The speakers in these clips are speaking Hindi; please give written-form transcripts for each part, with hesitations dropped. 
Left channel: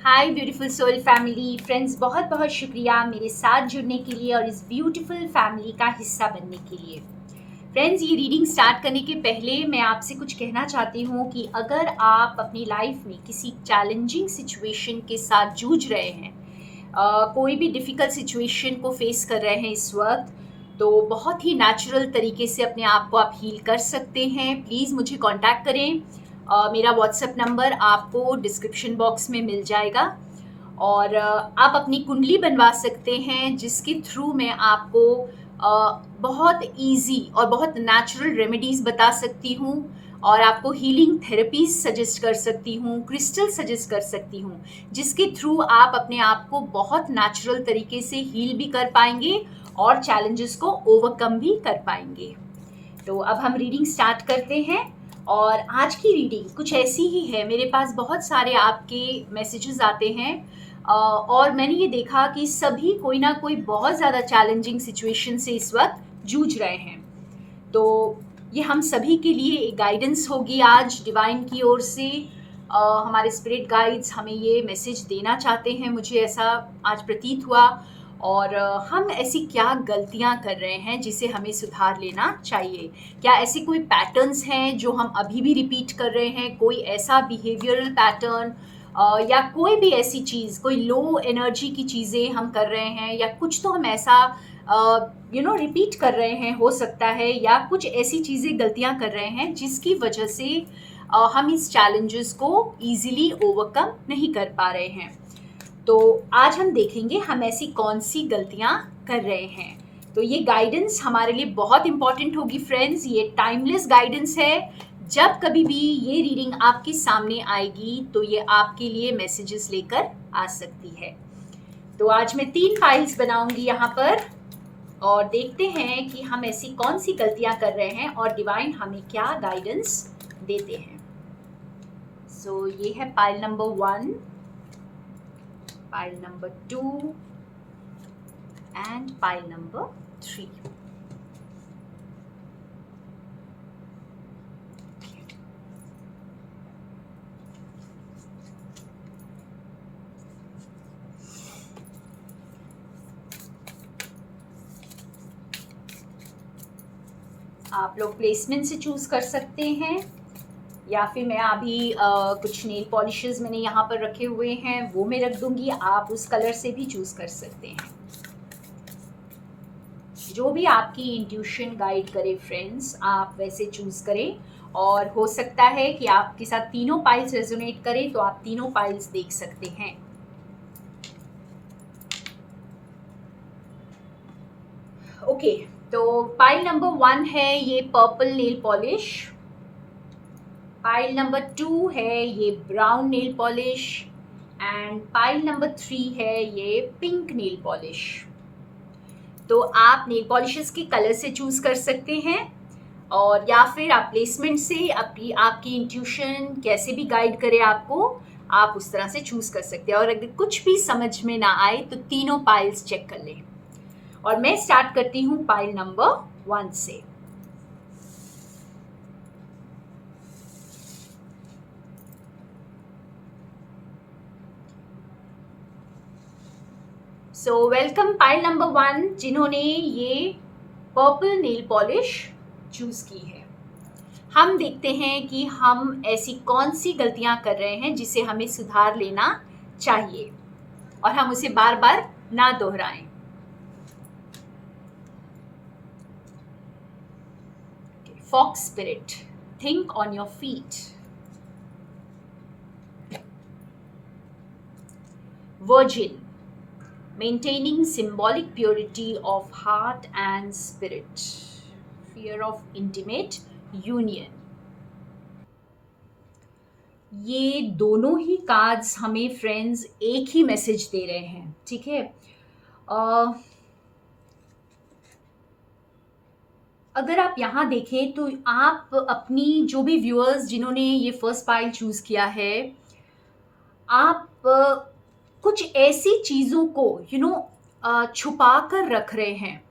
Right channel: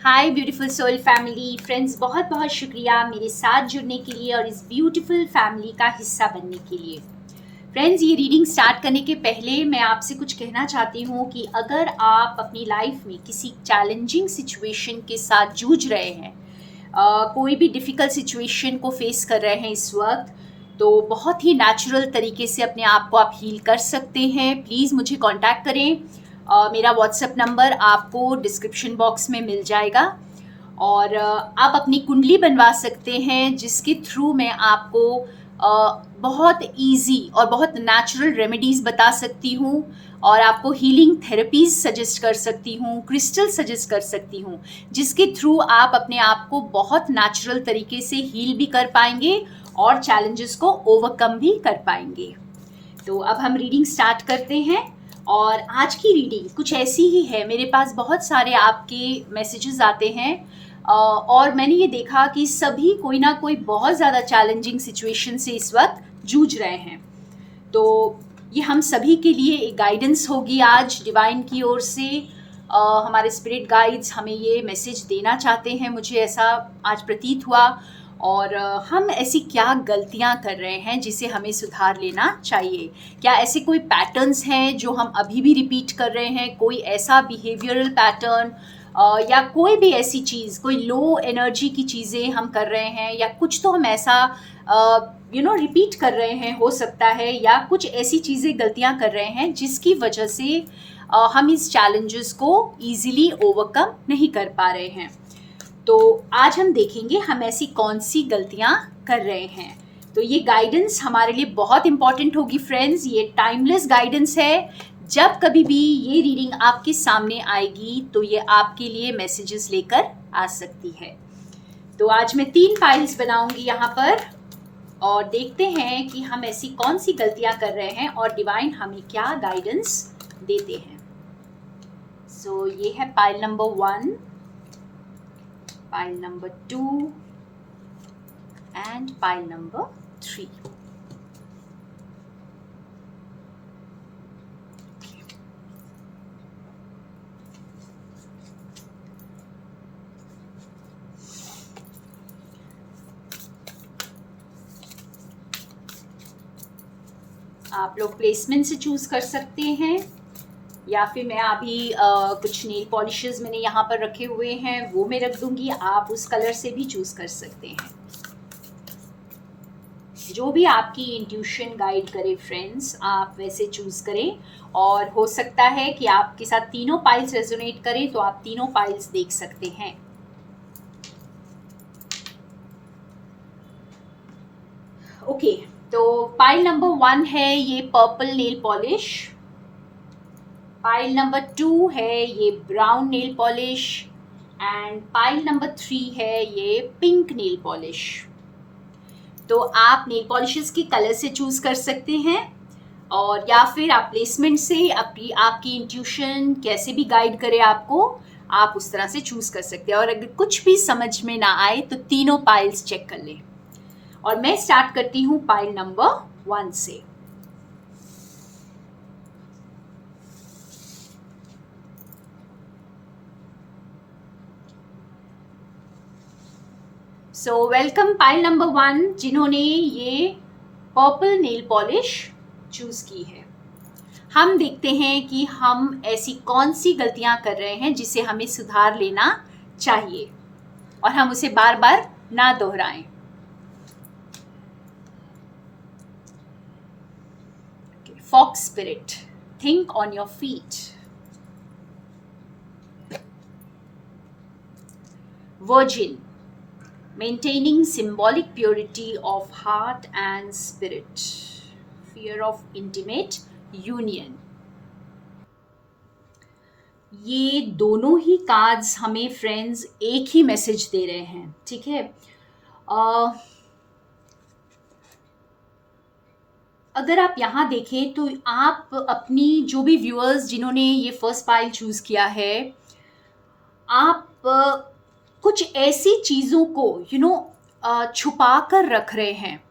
हाय ब्यूटीफुल सोल फैमिली फ्रेंड्स, बहुत बहुत शुक्रिया मेरे साथ जुड़ने के लिए और इस ब्यूटीफुल फैमिली का हिस्सा बनने के लिए। फ्रेंड्स, ये रीडिंग स्टार्ट करने के पहले मैं आपसे कुछ कहना चाहती हूँ कि अगर आप अपनी लाइफ में किसी चैलेंजिंग सिचुएशन के साथ जूझ रहे हैं, कोई भी डिफ़िकल्ट सिचुएशन को फेस कर रहे हैं इस वक्त, तो बहुत ही नेचुरल तरीके से अपने आप को आप हील कर सकते हैं। प्लीज़ मुझे कांटेक्ट करें। मेरा व्हाट्सएप नंबर आपको डिस्क्रिप्शन बॉक्स में मिल जाएगा और आप अपनी कुंडली बनवा सकते हैं, जिसके थ्रू मैं आपको बहुत इजी और बहुत नेचुरल रेमेडीज़ बता सकती हूँ और आपको हीलिंग थेरेपीज सजेस्ट कर सकती हूँ, क्रिस्टल सजेस्ट कर सकती हूँ, जिसके थ्रू आप अपने आप को बहुत नेचुरल तरीके से हील भी कर पाएंगे और चैलेंजेस को ओवरकम भी कर पाएंगे। तो अब हम रीडिंग स्टार्ट करते हैं और आज की रीडिंग कुछ ऐसी ही है। मेरे पास बहुत सारे आपके मैसेजेस आते हैं और मैंने ये देखा कि सभी कोई ना कोई बहुत ज़्यादा चैलेंजिंग सिचुएशन से इस वक्त जूझ रहे हैं। तो ये हम सभी के लिए एक गाइडेंस होगी आज डिवाइन की ओर से। हमारे स्पिरिट गाइड्स हमें ये मैसेज देना चाहते हैं, मुझे ऐसा आज प्रतीत हुआ। और हम ऐसी क्या गलतियां कर रहे हैं जिसे हमें सुधार लेना चाहिए? क्या ऐसे कोई पैटर्न्स हैं जो हम अभी भी रिपीट कर रहे हैं? कोई ऐसा बिहेवियरल पैटर्न या कोई भी ऐसी चीज़, कोई लो एनर्जी की चीज़ें हम कर रहे हैं, या कुछ तो हम ऐसा रिपीट कर रहे हैं हो सकता है, या कुछ ऐसी चीज़ें गलतियां कर रहे हैं जिसकी वजह से हम इस चैलेंजेस को इजीली ओवरकम नहीं कर पा रहे हैं। तो आज हम देखेंगे हम ऐसी कौन सी गलतियां कर रहे हैं। तो ये गाइडेंस हमारे लिए बहुत इंपॉर्टेंट होगी फ्रेंड्स। ये टाइमलेस गाइडेंस है। जब कभी भी ये रीडिंग आपके सामने आएगी तो ये आपके लिए मैसेजेस लेकर आ सकती है। तो आज मैं 3 फाइल्स बनाऊंगी यहाँ पर और देखते हैं कि हम ऐसी कौन सी गलतियां कर रहे हैं और डिवाइन हमें क्या गाइडेंस देते हैं। सो ये है pile number 1, pile number 2 and pile number 3। आप लोग प्लेसमेंट से चूज कर सकते हैं, या फिर मैं अभी कुछ नेल पॉलिशेस मैंने यहाँ पर रखे हुए हैं वो मैं रख दूंगी। आप उस कलर से भी चूज कर सकते हैं, जो भी आपकी इंट्यूशन गाइड करे फ्रेंड्स, आप वैसे चूज करें। और हो सकता है कि आपके साथ तीनों पाइल्स रेजोनेट करें, तो आप तीनों पाइल्स देख सकते हैं। ओके, तो पाइल नंबर 1 है ये purple nail polish, pile number 2 है ये brown nail polish and pile number 3 है ये पिंक नेल पॉलिश। तो आप नेल पॉलिशेस की कलर से चूज कर सकते हैं, और या फिर आप प्लेसमेंट से आपकी इंट्यूशन कैसे भी गाइड करे आपको, आप उस तरह से चूज कर सकते हैं। और अगर कुछ भी समझ में ना आए तो तीनों पाइल्स चेक कर लें। और मैं स्टार्ट करती हूँ पाइल नंबर 1 से। सो वेलकम पाइल नंबर 1 जिन्होंने ये पर्पल नेल पॉलिश चूज की है। हम देखते हैं कि हम ऐसी कौन सी गलतियां कर रहे हैं जिसे हमें सुधार लेना चाहिए और हम उसे बार बार ना दोहराएं। Fox spirit, think on your feet. Virgin, maintaining symbolic purity of heart and spirit, fear of intimate union। ये दोनों ही कार्ड्स हमें फ्रेंड्स एक ही मैसेज दे रहे हैं, ठीक है। अगर आप यहाँ देखें तो आप अपनी जो भी व्यूअर्स जिन्होंने ये फर्स्ट पाइल चूज किया है, आप कुछ ऐसी चीज़ों को छुपा कर रख रहे हैं।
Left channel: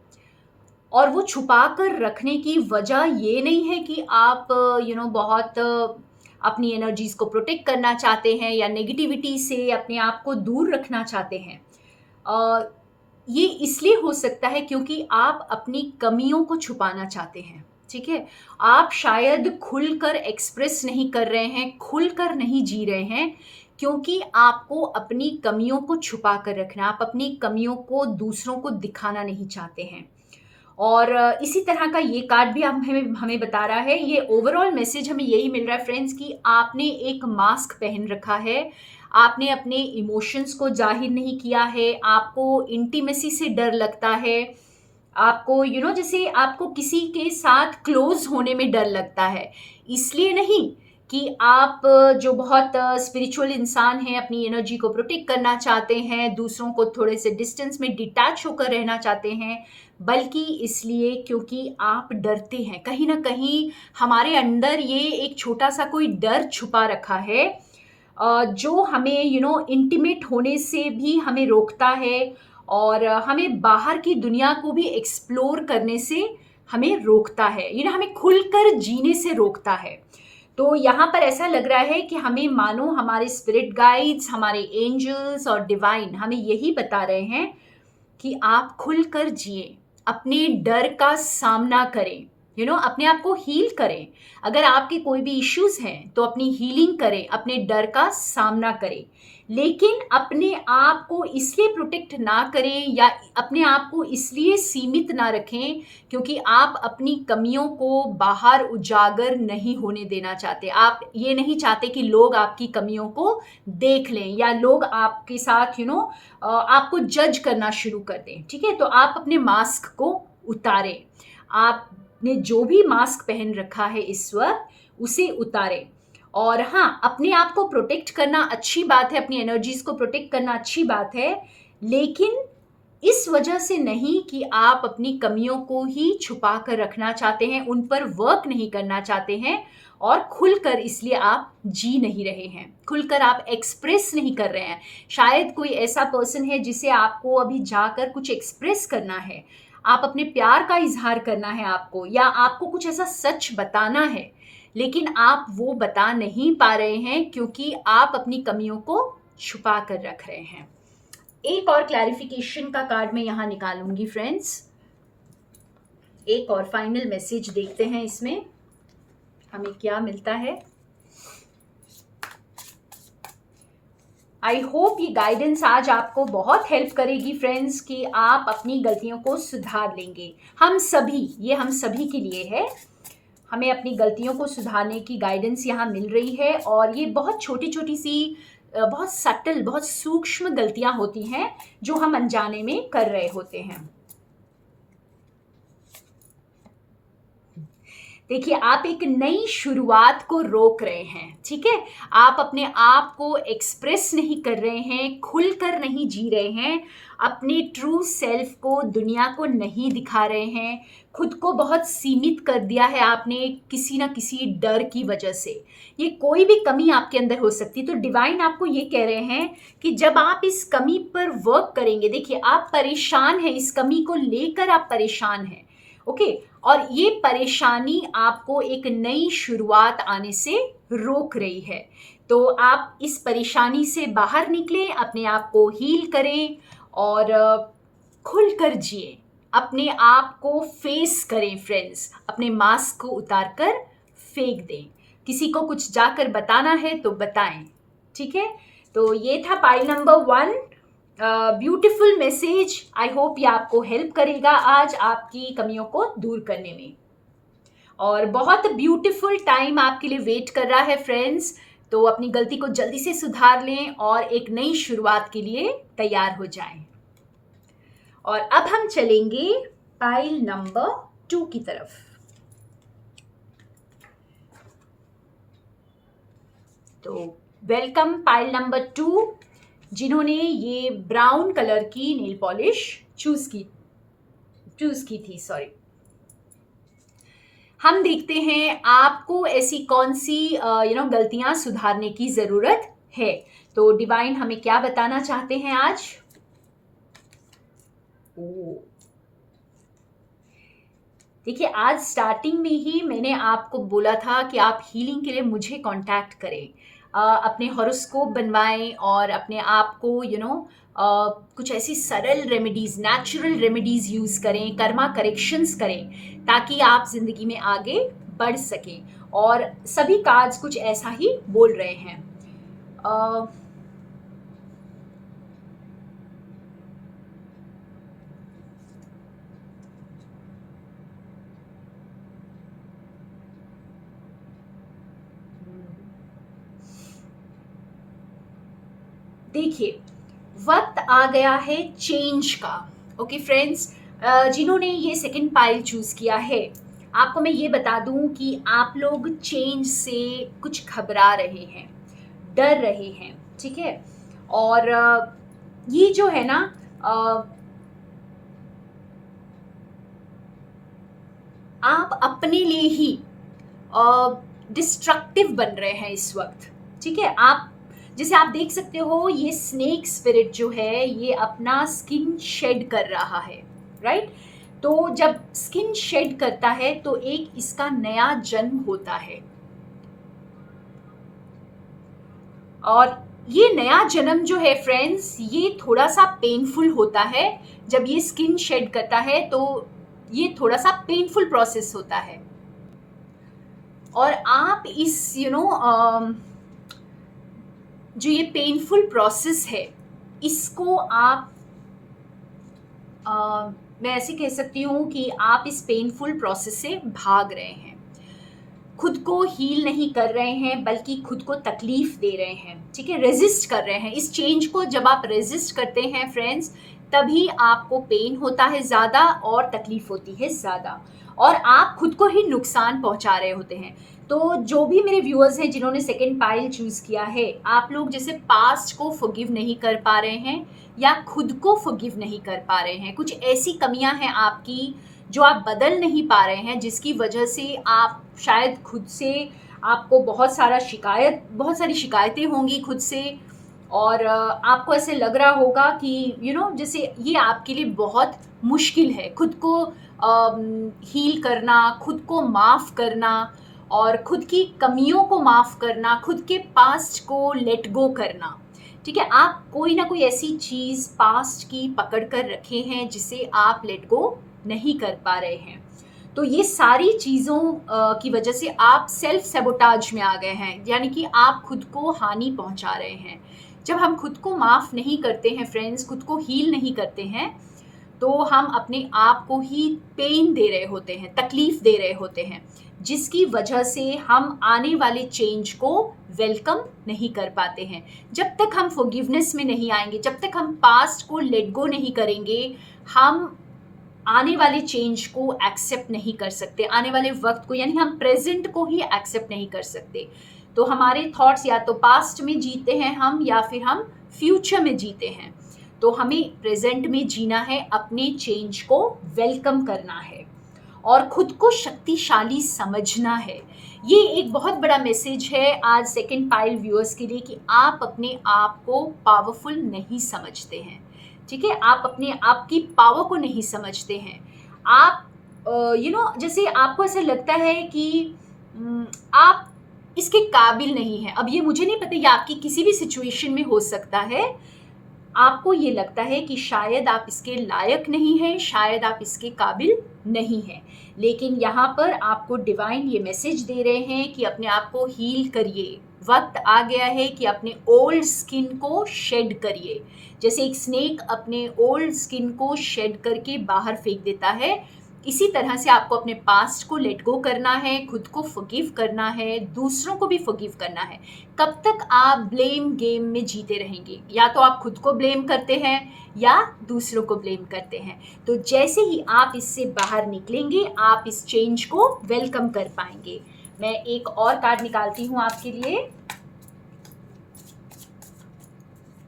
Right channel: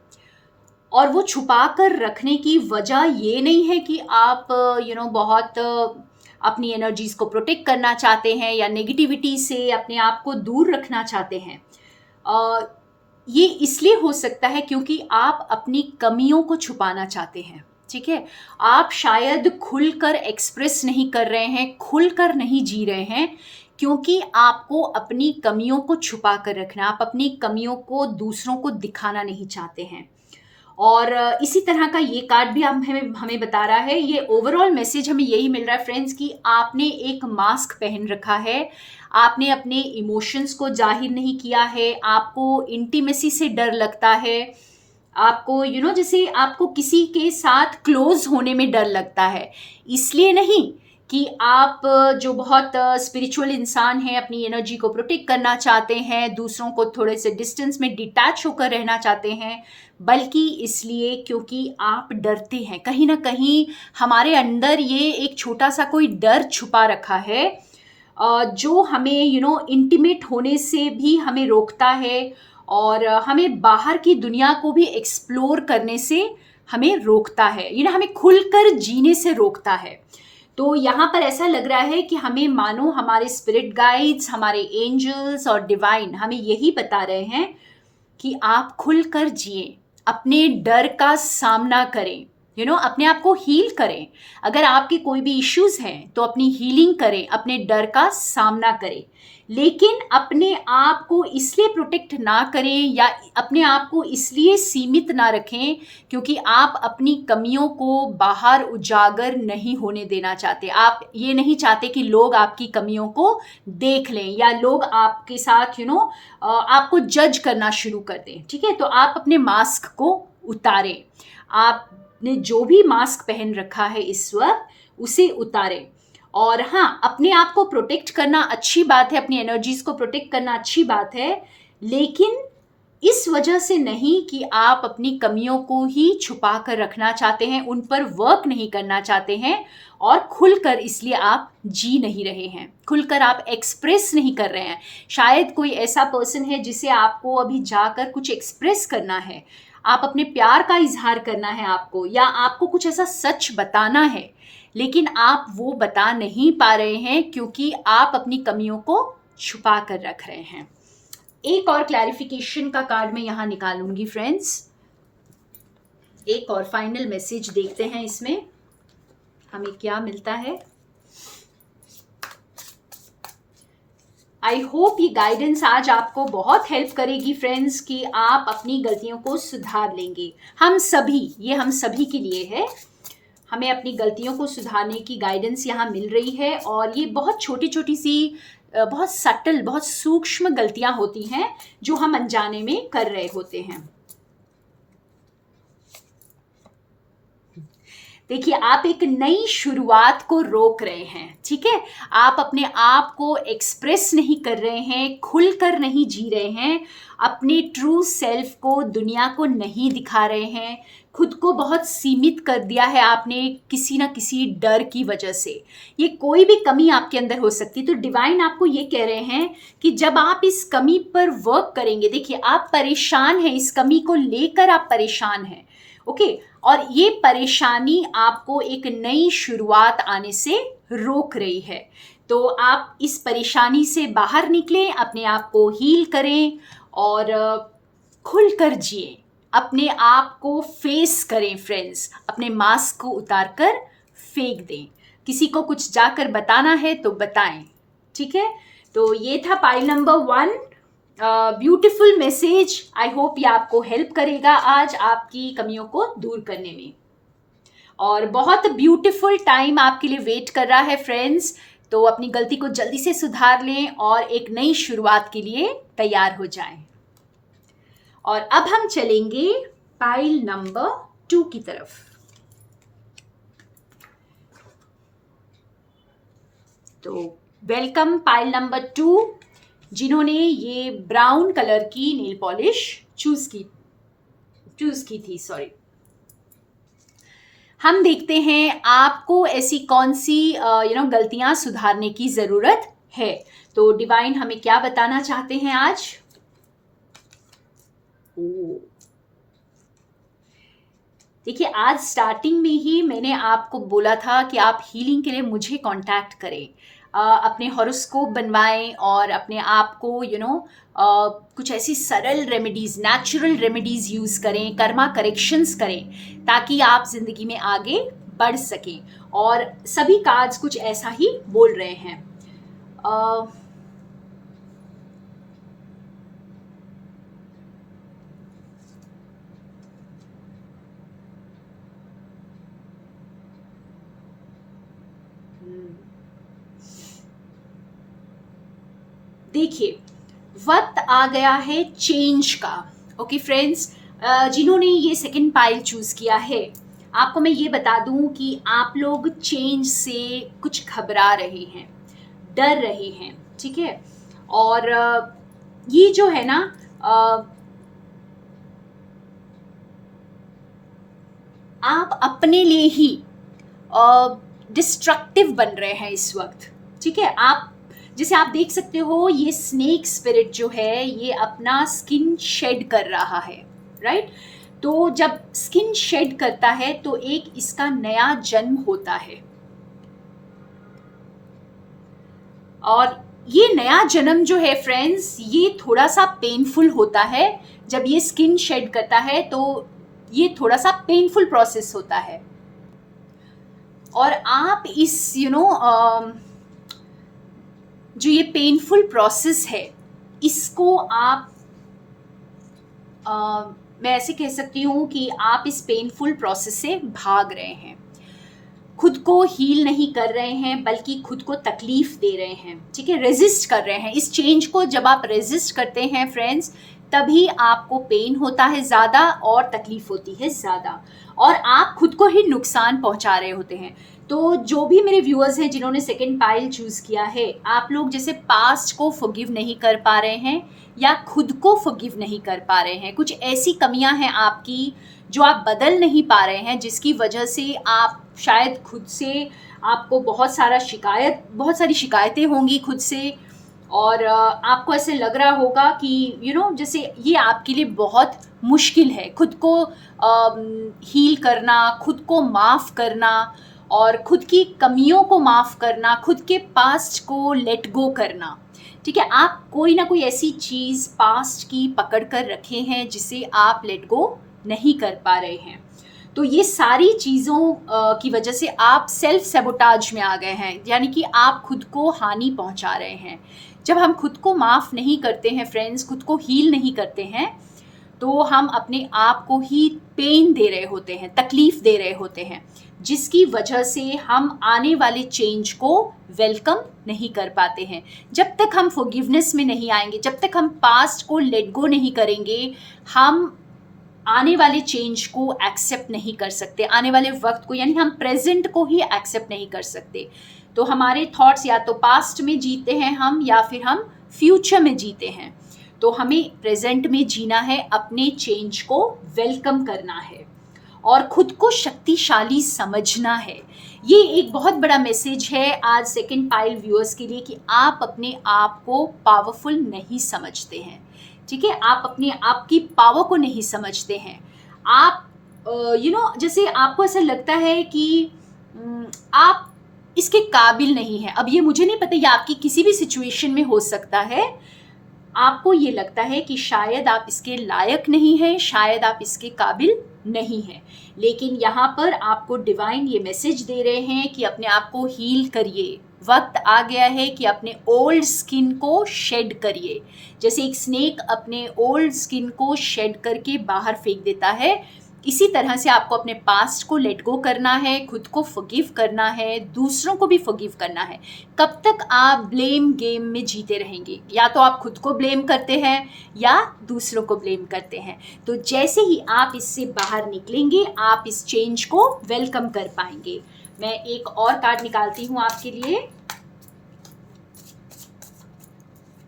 और वो छुपा कर रखने की वजह ये नहीं है कि आप बहुत अपनी एनर्जीज को प्रोटेक्ट करना चाहते हैं या नेगेटिविटी से अपने आप को दूर रखना चाहते हैं, ये इसलिए हो सकता है क्योंकि आप अपनी कमियों को छुपाना चाहते हैं। ठीक है, आप शायद खुलकर एक्सप्रेस नहीं कर रहे हैं, खुलकर नहीं जी रहे हैं, क्योंकि आपको अपनी कमियों को छुपा कर रखना, आप अपनी कमियों को दूसरों को दिखाना नहीं चाहते हैं। और इसी तरह का ये कार्ड भी हमें हमें बता रहा है, ये ओवरऑल मैसेज हमें यही मिल रहा है फ्रेंड्स कि आपने एक मास्क पहन रखा है, आपने अपने इमोशंस को जाहिर नहीं किया है, आपको इंटीमेसी से डर लगता है, आपको जैसे आपको किसी के साथ क्लोज होने में डर लगता है। इसलिए नहीं कि आप जो बहुत स्पिरिचुअल इंसान हैं, अपनी एनर्जी को प्रोटेक्ट करना चाहते हैं, दूसरों को थोड़े से डिस्टेंस में डिटैच होकर रहना चाहते हैं, बल्कि इसलिए क्योंकि आप डरते हैं। कहीं ना कहीं हमारे अंदर ये एक छोटा सा कोई डर छुपा रखा है, जो हमें इंटीमेट होने से भी हमें रोकता है और हमें बाहर की दुनिया को भी एक्सप्लोर करने से हमें रोकता है, हमें खुलकर जीने से रोकता है। तो यहाँ पर ऐसा लग रहा है कि हमें मानो हमारे स्पिरिट गाइड्स, हमारे एंजल्स और डिवाइन हमें यही बता रहे हैं कि आप खुलकर जिए, अपने डर का सामना करें, अपने आप को हील करें। अगर आपके कोई भी इश्यूज हैं तो अपनी हीलिंग करें, अपने डर का सामना करें, लेकिन अपने आप को इसलिए प्रोटेक्ट ना करें या अपने आप को इसलिए सीमित ना रखें क्योंकि आप अपनी कमियों को बाहर उजागर नहीं होने देना चाहते। आप ये नहीं चाहते कि लोग आपकी कमियों को देख लें या लोग आपके साथ आपको जज करना शुरू कर दें। ठीक है, तो आप अपने मास्क को उतारें, आपने जो भी मास्क पहन रखा है इस वक्त उसे उतारें। और हाँ, अपने आप को प्रोटेक्ट करना अच्छी बात है, अपनी एनर्जीज को प्रोटेक्ट करना अच्छी बात है, लेकिन इस वजह से नहीं कि आप अपनी कमियों को ही छुपा कर रखना चाहते हैं, उन पर वर्क नहीं करना चाहते हैं और खुलकर इसलिए आप जी नहीं रहे हैं, खुलकर आप एक्सप्रेस नहीं कर रहे हैं। शायद कोई ऐसा पर्सन है जिसे आपको अभी जाकर कुछ एक्सप्रेस करना है, आप अपने प्यार का इजहार करना है आपको, या आपको कुछ ऐसा सच बताना है, लेकिन आप वो बता नहीं पा रहे हैं क्योंकि आप अपनी कमियों को छुपा कर रख रहे हैं। एक और क्लैरिफिकेशन का कार्ड मैं यहाँ निकालूंगी फ्रेंड्स, एक और फाइनल मैसेज देखते हैं इसमें हमें क्या मिलता है। आई होप ये गाइडेंस आज आपको बहुत हेल्प करेगी फ्रेंड्स कि आप अपनी गलतियों को सुधार लेंगे। हम सभी के लिए है, हमें अपनी गलतियों को सुधारने की गाइडेंस यहाँ मिल रही है। और ये बहुत छोटी छोटी सी, बहुत सटल, बहुत सूक्ष्म गलतियां होती हैं जो हम अनजाने में कर रहे होते हैं। देखिए, आप एक नई शुरुआत को रोक रहे हैं। ठीक है, आप अपने आप को एक्सप्रेस नहीं कर रहे हैं, खुलकर नहीं जी रहे हैं, अपने ट्रू सेल्फ को दुनिया को नहीं दिखा रहे हैं, खुद को बहुत सीमित कर दिया है आपने किसी ना किसी डर की वजह से। ये कोई भी कमी आपके अंदर हो सकती है, तो डिवाइन आपको ये कह रहे हैं कि जब आप इस कमी पर वर्क करेंगे, देखिए आप परेशान हैं, इस कमी को लेकर आप परेशान हैं, ओके, और ये परेशानी आपको एक नई शुरुआत आने से रोक रही है। तो आप इस परेशानी से बाहर निकलें, अपने आप को हील करें और खुलकर जिए, अपने आप को फेस करें फ्रेंड्स, अपने मास्क को उतार कर फेंक दें। किसी को कुछ जाकर बताना है तो बताएं। ठीक है, तो ये था pile number 1, beautiful message. I hope ये आपको हेल्प करेगा आज आपकी कमियों को दूर करने में। और बहुत ब्यूटीफुल टाइम आपके लिए वेट कर रहा है फ्रेंड्स, तो अपनी गलती को जल्दी से सुधार लें और एक नई शुरुआत के लिए तैयार हो जाएं। और अब हम चलेंगे पाइल नंबर 2 की तरफ। तो वेलकम पाइल नंबर 2, जिन्होंने ये ब्राउन कलर की नेल पॉलिश चूज की थी, सॉरी। हम देखते हैं आपको ऐसी कौन सी गलतियां सुधारने की जरूरत है। तो डिवाइन हमें क्या बताना चाहते हैं आज? देखिए, आज स्टार्टिंग में ही मैंने आपको बोला था कि आप हीलिंग के लिए मुझे कांटेक्ट करें। अपने हॉरोस्कोप बनवाएं और अपने आप को कुछ ऐसी सरल रेमेडीज़, नेचुरल रेमेडीज़ यूज़ करें, कर्मा करेक्शंस करें, ताकि आप ज़िंदगी में आगे बढ़ सकें। और सभी कार्ड्स कुछ ऐसा ही बोल रहे हैं। अ, देखिए, वक्त आ गया है चेंज का। ओके फ्रेंड्स, जिन्होंने ये सेकंड पाइल चूज़ किया है, आपको मैं ये बता दूं कि आप लोग चेंज से कुछ घबरा रहे हैं, डर रहे हैं, ठीक है। और ये जो है ना, अ, आप अपने लिए ही डिस्ट्रक्टिव बन रहे हैं इस वक्त, ठीक है। आप जैसे आप देख सकते हो, ये स्नेक स्पिरिट जो है ये अपना स्किन शेड कर रहा है, राइट। तो जब स्किन शेड करता है तो एक इसका नया जन्म होता है, और ये नया जन्म जो है फ्रेंड्स, ये थोड़ा सा पेनफुल होता है। जब ये स्किन शेड करता है तो ये थोड़ा सा पेनफुल प्रोसेस होता है, और आप इस जो ये पेनफुल प्रोसेस है, इसको आप मैं ऐसे कह सकती हूँ कि आप इस पेनफुल प्रोसेस से भाग रहे हैं, खुद को हील नहीं कर रहे हैं, बल्कि खुद को तकलीफ दे रहे हैं, ठीक है। रेजिस्ट कर रहे हैं इस चेंज को। जब आप रेजिस्ट करते हैं फ्रेंड्स, तभी आपको पेन होता है ज़्यादा और तकलीफ होती है ज़्यादा, और आप खुद को ही नुकसान पहुंचा रहे होते हैं। तो जो भी मेरे व्यूअर्स हैं जिन्होंने सेकंड पाइल चूज़ किया है, आप लोग जैसे पास्ट को फॉरगिव नहीं कर पा रहे हैं या खुद को फॉरगिव नहीं कर पा रहे हैं, कुछ ऐसी कमियां हैं आपकी जो आप बदल नहीं पा रहे हैं, जिसकी वजह से आप शायद खुद से, आपको बहुत सारी शिकायतें होंगी खुद से, और आपको ऐसे लग रहा होगा कि जैसे ये आपके लिए बहुत मुश्किल है खुद को हील करना, खुद को माफ़ करना, और खुद की कमियों को माफ़ करना, खुद के पास्ट को लेट गो करना, ठीक है। आप कोई ना कोई ऐसी चीज़ पास्ट की पकड़ कर रखे हैं जिसे आप लेट गो नहीं कर पा रहे हैं। तो ये सारी चीज़ों की वजह से आप सेल्फ सेबोटाज में आ गए हैं, यानी कि आप खुद को हानि पहुंचा रहे हैं। जब हम खुद को माफ़ नहीं करते हैं फ्रेंड्स, खुद को हील नहीं करते हैं, तो हम अपने आप को ही पेन दे रहे होते हैं, तकलीफ दे रहे होते हैं, जिसकी वजह से हम आने वाले चेंज को वेलकम नहीं कर पाते हैं। जब तक हम फॉरगिवनेस में नहीं आएंगे, जब तक हम पास्ट को लेट गो नहीं करेंगे, हम आने वाले चेंज को एक्सेप्ट नहीं कर सकते, आने वाले वक्त को, यानी हम प्रेजेंट को ही एक्सेप्ट नहीं कर सकते। तो हमारे थॉट्स या तो पास्ट में जीते हैं हम, या फिर हम फ्यूचर में जीते हैं। तो हमें प्रेजेंट में जीना है, अपने चेंज को वेलकम करना है और खुद को शक्तिशाली समझना है। ये एक बहुत बड़ा मैसेज है आज सेकंड पाइल व्यूअर्स के लिए, कि आप अपने आप को पावरफुल नहीं समझते हैं, ठीक है। आप अपने आप की पावर को नहीं समझते हैं। आप जैसे आपको ऐसा लगता है कि आप इसके काबिल नहीं हैं। अब ये मुझे नहीं पता, ये आपकी किसी भी सिचुएशन में हो सकता है। आपको ये लगता है कि शायद आप इसके लायक नहीं हैं, शायद आप इसके काबिल नहीं हैं, लेकिन यहाँ पर आपको डिवाइन ये मैसेज दे रहे हैं कि अपने आप को हील करिए। वक्त आ गया है कि अपने ओल्ड स्किन को शेड करिए। जैसे एक स्नेक अपने ओल्ड स्किन को शेड करके बाहर फेंक देता है, इसी तरह से आपको अपने पास्ट को लेट गो करना है, खुद को फॉरगिव करना है, दूसरों को भी फॉरगिव करना है। कब तक आप ब्लेम गेम में जीते रहेंगे? या तो आप खुद को ब्लेम करते हैं या दूसरों को ब्लेम करते हैं। तो जैसे ही आप इससे बाहर निकलेंगे, आप इस चेंज को वेलकम कर पाएंगे। मैं एक और कार्ड निकालती हूँ आपके लिए,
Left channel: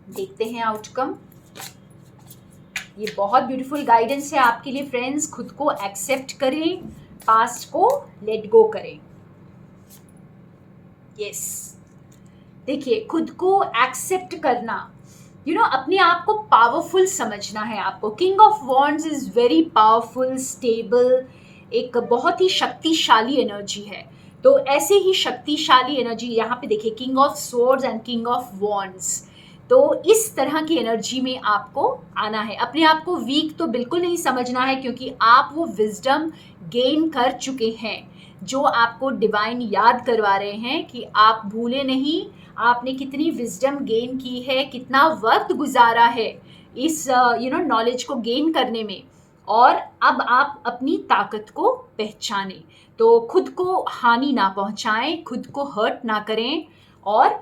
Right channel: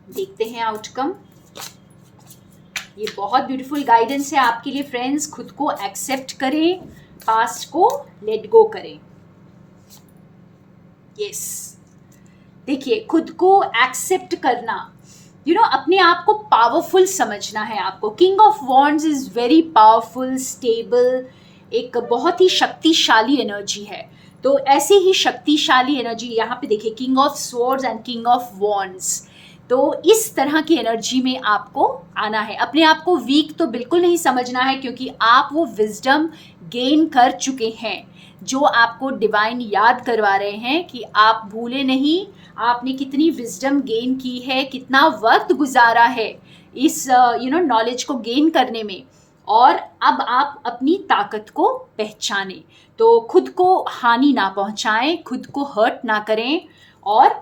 देखते हैं आउटकम। ये बहुत ब्यूटीफुल गाइडेंस है आपके लिए फ्रेंड्स। खुद को एक्सेप्ट करें, पास्ट को लेट गो करें। यस, देखिए, खुद को एक्सेप्ट करना, अपने आप को पावरफुल समझना है आपको। King of wands is very powerful, stable, एक बहुत ही शक्तिशाली एनर्जी है। तो ऐसे ही शक्तिशाली एनर्जी यहाँ पे देखिए, king of swords and king of wands. तो इस तरह की एनर्जी में आपको आना है। अपने आप को वीक तो बिल्कुल नहीं समझना है, क्योंकि आप वो विजडम गेन कर चुके हैं जो आपको डिवाइन याद करवा रहे हैं कि आप भूले नहीं, आपने कितनी विजडम गेन की है, कितना वक्त गुजारा है इस नॉलेज को गेन करने में, और अब आप अपनी ताकत को पहचानें। तो खुद को हानि ना पहुंचाएं, खुद को हर्ट ना करें और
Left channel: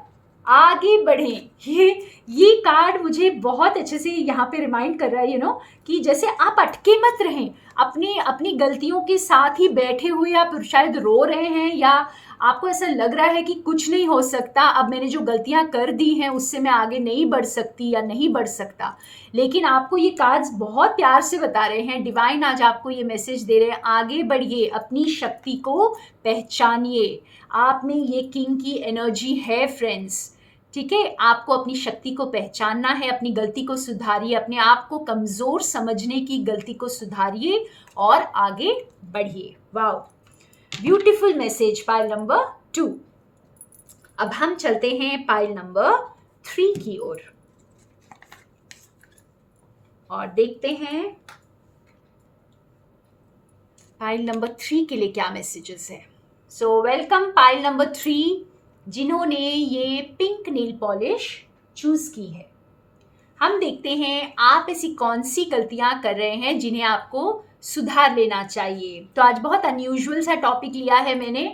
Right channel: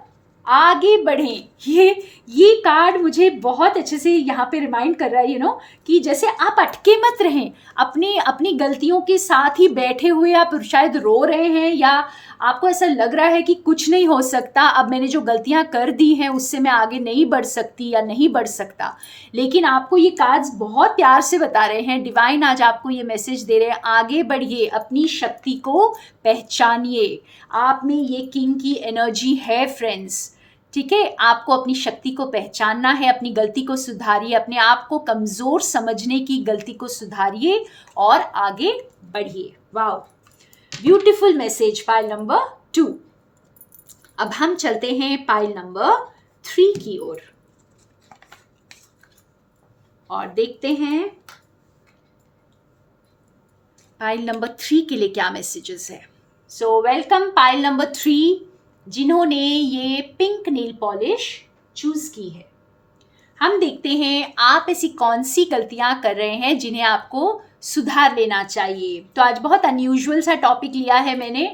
आगे बढ़ें। ये कार्ड मुझे बहुत अच्छे से यहाँ पे रिमाइंड कर रहा है कि जैसे आप अटके मत रहें, अपनी गलतियों के साथ ही बैठे हुए आप शायद रो रहे हैं, या आपको ऐसा लग रहा है कि कुछ नहीं हो सकता, अब मैंने जो गलतियां कर दी हैं उससे मैं आगे नहीं बढ़ सकती या नहीं बढ़ सकता। लेकिन आपको ये कार्ड्स बहुत प्यार से बता रहे हैं, डिवाइन आज आपको ये मैसेज दे रहे हैं, आगे बढ़िए, अपनी शक्ति को पहचानिए। आप में ये किंग की एनर्जी है फ्रेंड्स, ठीक है। आपको अपनी शक्ति को पहचानना है, अपनी गलती को सुधारिए, अपने आप को कमज़ोर समझने की गलती को सुधारिए और आगे बढ़िए। Wow, beautiful message pile number 2। अब हम चलते हैं पाइल नंबर 3 की ओर और देखते हैं पाइल नंबर 3 के लिए क्या मैसेजेस है। सो वेलकम पाइल नंबर 3, जिन्होंने ये पिंक नेल पॉलिश चूज की है। हम देखते हैं आप ऐसी कौन सी गलतियां कर रहे हैं जिन्हें आपको सुधार लेना चाहिए। तो आज बहुत अनयूजुअल सा टॉपिक लिया है मैंने,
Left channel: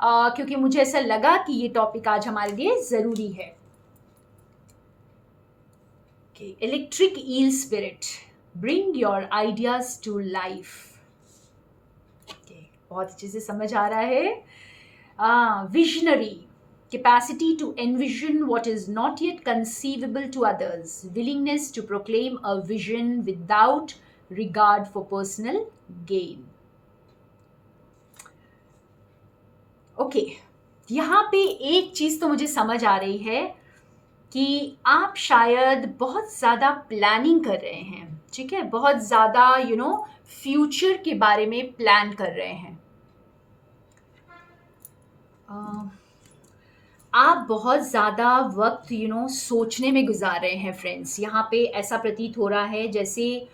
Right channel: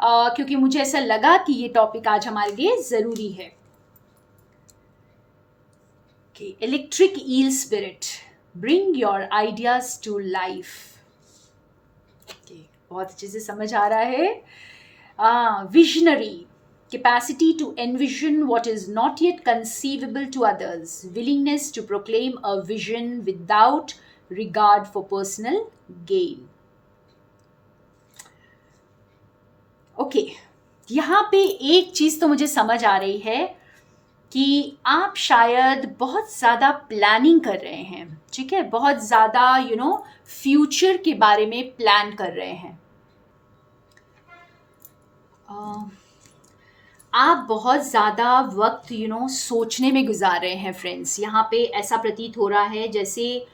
क्योंकि मुझे ऐसा लगा कि ये टॉपिक आज हमारे लिए ज़रूरी है। Electric eel spirit, bring your ideas to life. बहुत अच्छे से समझ आ रहा है। Visionary, capacity to envision what is not yet conceivable to others, willingness to proclaim a vision without regard for personal gain. Okay, यहाँ पे एक चीज़ तो मुझे समझ आ रही है कि आप शायद बहुत ज़्यादा प्लानिंग कर रहे हैं, ठीक है, बहुत ज़्यादा फ्यूचर के बारे में प्लान कर रहे हैं। आप बहुत ज़्यादा वक्त सोचने में गुजार रहे हैं फ्रेंड्स। यहाँ पे ऐसा प्रतीत हो रहा है जैसे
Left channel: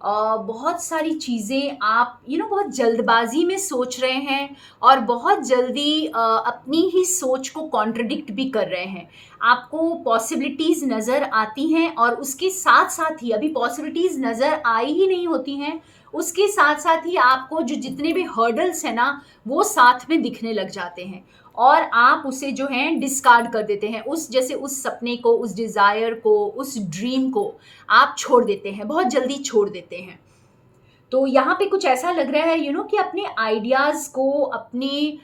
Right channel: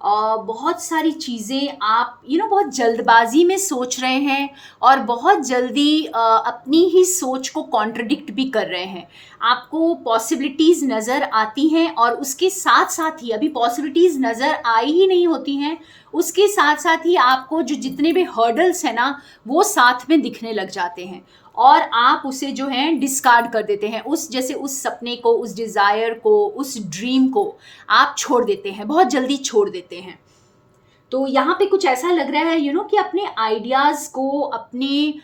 बहुत सारी चीज़ें आप बहुत जल्दबाजी में सोच रहे हैं और बहुत जल्दी अपनी ही सोच को कॉन्ट्रडिक्ट भी कर रहे हैं। आपको पॉसिबिलिटीज़ नज़र आती हैं और उसके साथ साथ ही अभी पॉसिबिलिटीज़ नज़र आई ही नहीं होती हैं, उसके साथ साथ ही आपको जो जितने भी हर्डल्स हैं ना वो साथ में दिखने लग जाते हैं और आप उसे जो है डिस्कार्ड कर देते हैं। उस सपने को, उस डिज़ायर को, उस ड्रीम को आप छोड़ देते हैं, बहुत जल्दी छोड़ देते हैं। तो यहाँ पे कुछ ऐसा लग रहा है कि अपने आइडियाज़ को, अपने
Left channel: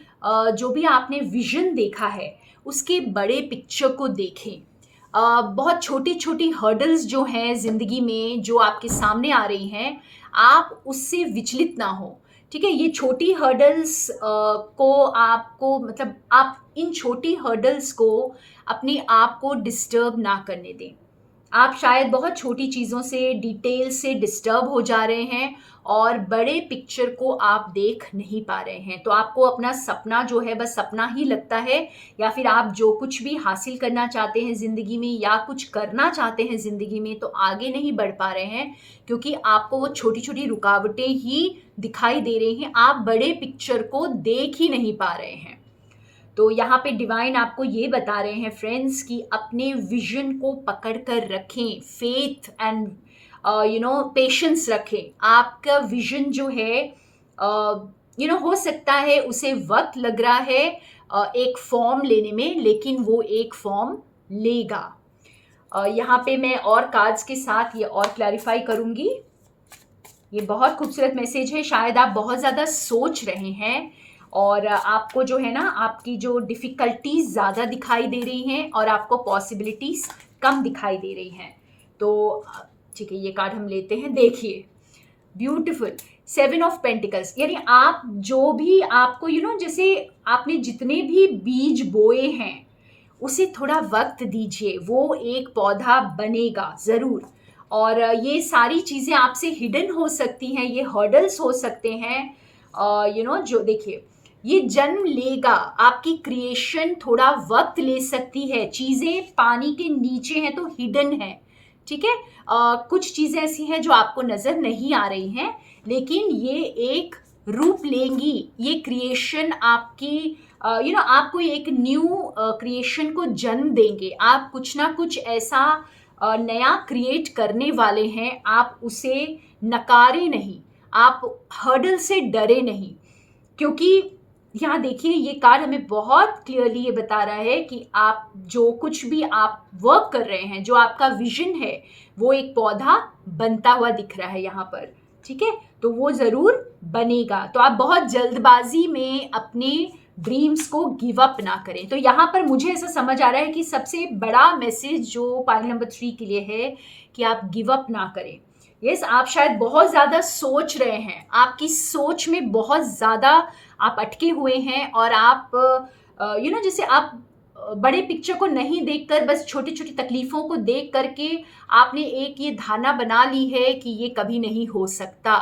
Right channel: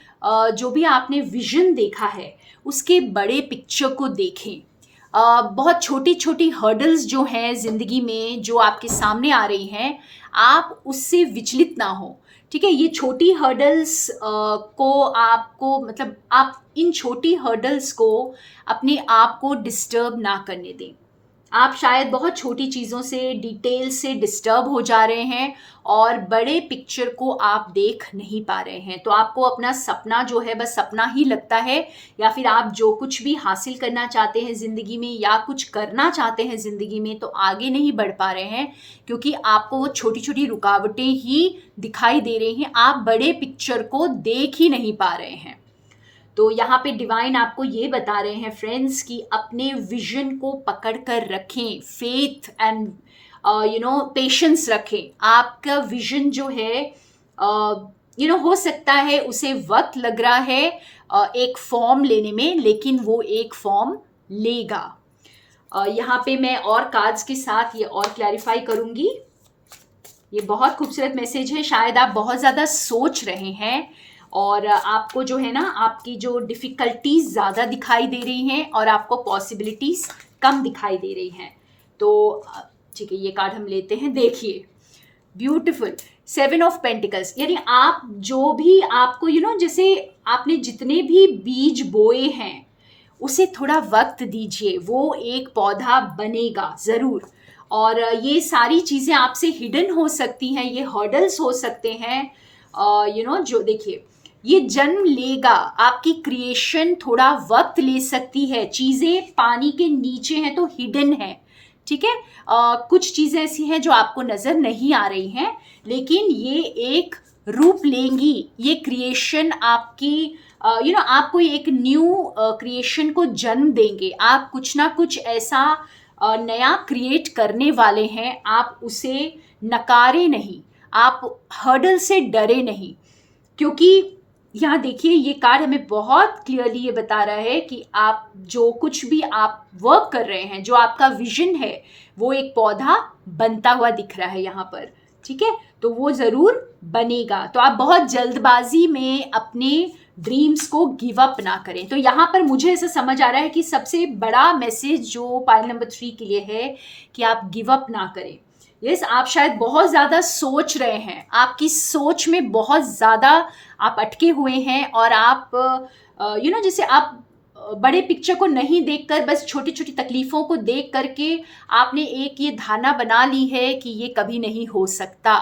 जो भी आपने विजन देखा है उसके बड़े पिक्चर को देखें। बहुत छोटी छोटी हर्डल्स जो हैं ज़िंदगी में जो आपके सामने आ रही हैं, आप उससे विचलित ना हो, ठीक है। ये छोटी हर्डल्स को आपको मतलब आप इन छोटी हर्डल्स को अपने आप को डिस्टर्ब ना करने दें। आप शायद बहुत छोटी चीज़ों से, डिटेल से डिस्टर्ब हो जा रहे हैं और बड़े पिक्चर को आप देख नहीं पा रहे हैं। तो आपको अपना सपना जो है बस सपना ही लगता है, या फिर आप जो कुछ भी हासिल करना चाहते हैं ज़िंदगी में या कुछ करना चाहते हैं ज़िंदगी में तो आगे नहीं बढ़ पा रहे हैं, क्योंकि आपको वो छोटी छोटी रुकावटें ही दिखाई दे रही हैं। आप बड़े पिक्चर को देख ही नहीं पा रहे हैं। तो यहाँ पे डिवाइन आपको ये बता रहे हैं फ्रेंड्स कि अपने विजन को पकड़ कर रखें, फेथ एंड पेशेंस रखें। आपका विजन जो है हो सकता है उसे वक्त लग रहा है एक फॉर्म लेने में, लेकिन वो एक फॉर्म लेगा। यहाँ पे मैं और कार्ड्स के साथ ये और क्लैरिफाई करूँगी। ये बहुत खूबसूरत मैसेज है। शायद आप बहुत ज़्यादा सोच रहे हैं और आपको जो है ना आपकी जो डिफ़िकल्टीज़ ज़्यादा दिखाई दे रही हैं और आपको पॉसिबिलिटीज़ कम दिखाई दे रही हैं। तो ठीक है, ये कार्ड हम लेते हैं। देखिए, ब्यूटीफुल 7 ऑफ पेंटिकल्स, यानी आप जो भी आपको जैसे आपने जितने भी बीज बोए हैं उसे थोड़ा वक्त दीजिए, वो एक पौधा बनेगा ज़रूर। और ये सारी चीज़ें आपसे हिडन हो सकती हैं, ये हर्डल्स हो सकते हैं, जो देखिए ये जन्म लेगा, आपकी क्रिएशन थोड़ा वक्त ले सकती है, चीज़ें पानी के नीचे हैं तो हिडन है, ठीक है। कुछ चीज़ें ऐसी हैं जो आपको नज़र नहीं आ रही हैं, लेकिन ये एक रूप लेंगी, ये क्रिएशन आपकी आप कोई एक न्यू क्रिएशन को जन्म देंगे, आप कुछ ना कुछ ऐसा नया क्रिएट करने वाले हैं, आप उसे नकारे नहीं, आप हर्डल से डरे नहीं। क्योंकि यहाँ देखिए ये कार्ड हमें बहुत क्लियरली ये बता रहा है कि आप जो कुछ भी आप वर्क कर रहे हैं, जो आपका विजन है, वो एक पौधा बनता हुआ दिख रहा है यहाँ पर, ठीक है। तो वो ज़रूर बनेगा, तो आप बहुत जल्दबाजी में अपने ड्रीम्स को गिव अप ना करें। तो यहाँ पर मुझे ऐसा समझ आ रहा है कि सबसे बड़ा मैसेज जो पाइल नंबर 3 के लिए है कि आप गिव अप ना करें। यस, आप शायद बहुत ज़्यादा सोच रहे हैं, आपकी सोच में बहुत ज़्यादा आप अटके हुए हैं, और आप जैसे आप बड़े पिक्चर को नहीं देखकर बस छोटी छोटी तकलीफ़ों को देख करके आपने एक ये धारणा बना ली है कि ये कभी नहीं हो सकता।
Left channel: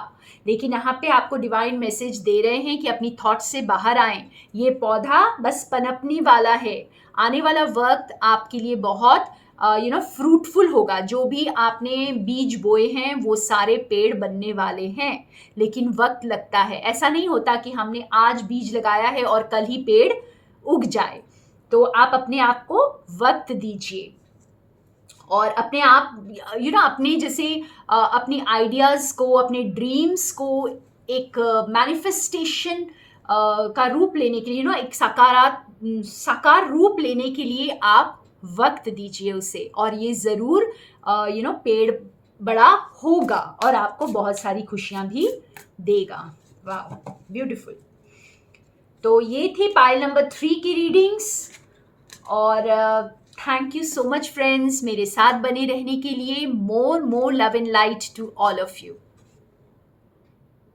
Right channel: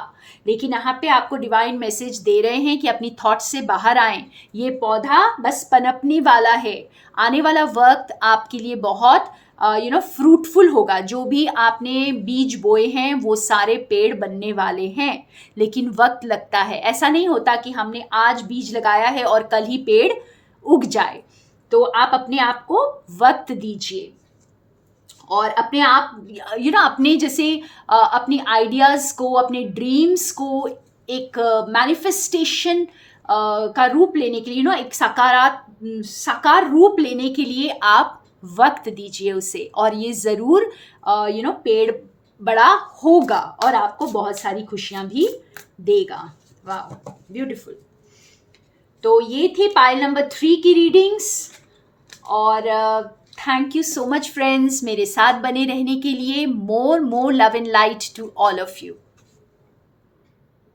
लेकिन यहाँ पे आपको डिवाइन मैसेज दे रहे हैं कि अपनी थॉट्स से बाहर आएं, ये पौधा बस पनपने वाला है, आने वाला वक्त आपके लिए बहुत फ्रूटफुल होगा। जो भी आपने बीज बोए हैं वो सारे पेड़ बनने वाले हैं, लेकिन वक्त लगता है। ऐसा नहीं होता कि हमने आज बीज लगाया है और कल ही पेड़ उग जाए। तो आप अपने आप को वक्त दीजिए, और अपने आप अपने जैसे अपने आइडियाज़ को, अपने ड्रीम्स को एक मैनिफेस्टेशन का रूप लेने के लिए, एक साकार रूप लेने के लिए आप वक्त दीजिए उसे, और ये ज़रूर पेड़ बड़ा होगा और आपको बहुत सारी खुशियाँ भी देगा। वाह, ब्यूटीफुल। तो ये थी पाइल नंबर 3 की रीडिंग्स, और thank you so much friends मेरे साथ बने रहने के लिए। More love and light to all of you.